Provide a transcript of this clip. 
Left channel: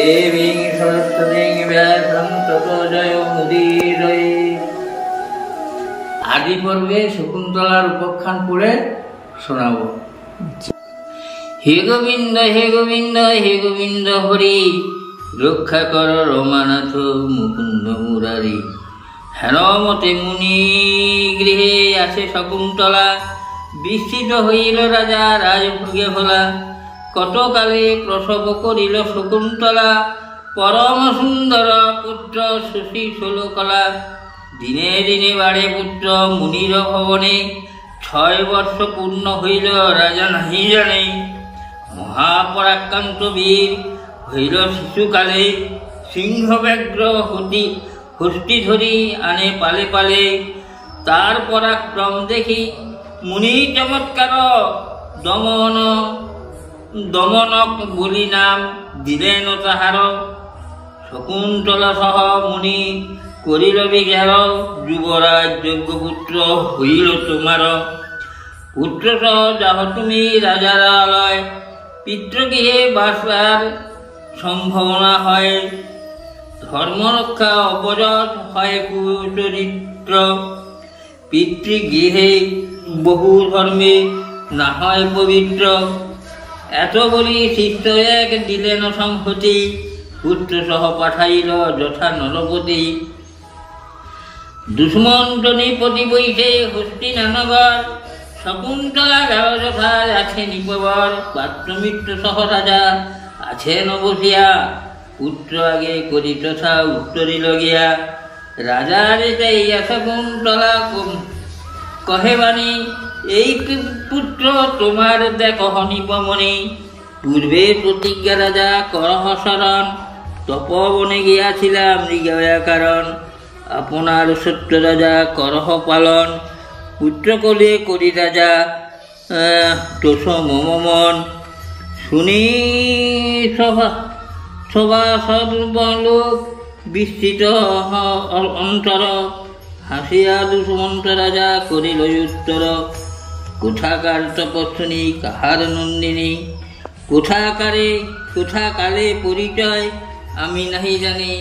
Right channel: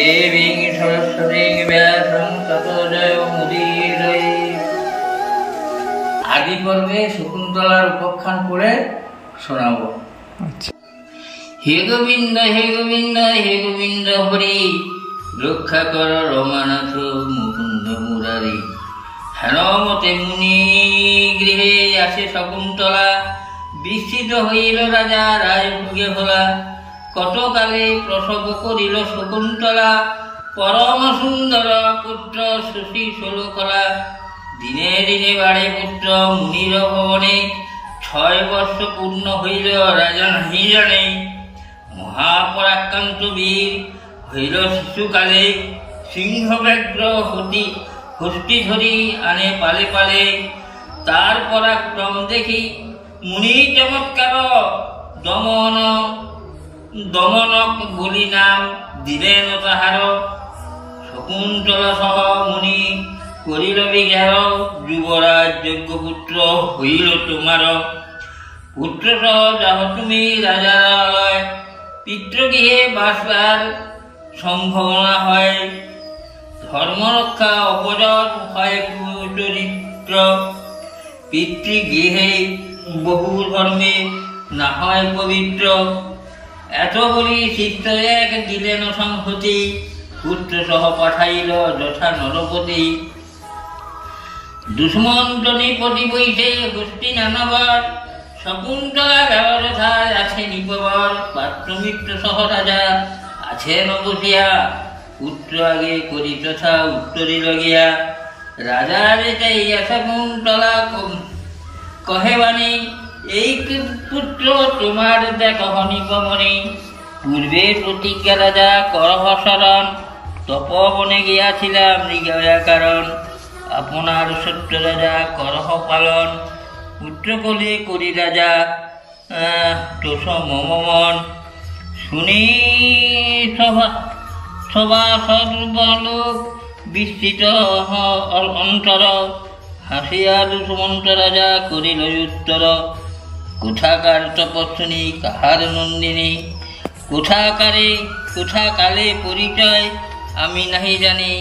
দেবীং সরস্বতীং ব্যাসং ততো জয়মুদীরয়ে। আদি পর্বে শকুন্তলার উপাখ্যান করে শোনাবো। হে গোবিন্দ হে গোবিন্দ হে গোবিন্দ হরি, রক্ষা কর রমানাথ মুকুন্দ মুরারি। হেনমতে মুনি গৃহে আসে শকুন্তলা, বিস্মিত হইল রাজা রাজভোগে ভোলা। কতকালে প্রসব করিল শকুন্তলা, পরম সুন্দর পুত্র সুশী ষোলকলা। দিনে দিনে বাড়ে পুত্র মুনির ভবনে, 6 বর্ষ পূর্ণ হইল রাজা নাহি জানে। মহাপরাক্রান্ত বীর হইল শিশুকালে, সিংহ ব্যাঘ্র হস্তি ধরি আনে পালে পালে। তার পরাক্রম দেখি মুনি চমৎকার, দমনক বলি নাম দিলেন তাহার। শকুন্তলা সহ মুনি করিল বিঘের, যুবরাজ যজ্ঞপুত্র হইল তোমার। পুত্র সহ যাহ তুমি রাজার আলয়, পিতৃগৃহে বাসবার সম্ভাবনা হয়। ধর্মরক্ষা অপযত হয় কুচরিত্র, পিতৃগৃহে বহু ধর্মে না হয় পবিত্র। এত বলি শিষ্য এক দিলেন সংহতি, পুত্র সহ পাঠাইল যথা নরপতি। দুষ্মন্তনী পতি বৈশে হস্তি নানাবার, শকুন্তলা গেল যথা আছে নিপবার। পাত্রমিত্র সহ রাজা আছে নবসিয়া, পুত্র আগে করি তথা উত্তরিল গিয়া। রাজার চাইয়া শকুন্তলা কহে বাণী, এই পুত্র তোমার দেখহ নিপমণি। পূর্বে প্রতিজ্ঞা রাজা করহ শরণ, তপবনে গিয়াছিলাম মৃগয়া কারণ। আপনার সত্য রাজা করহ পালন, পুত্র কোলে করি রাজা তোষ মম মন। শুনি সভা সর্বলোক বিস্তৃত অন্তর, হাসিয়া দুষ্মন্ত রাজা করিল উত্তর। কোথাকার তপস্বিনী কাহার নন্দিনী, কোথাকালে পরিচয় আমি নাহি জানি।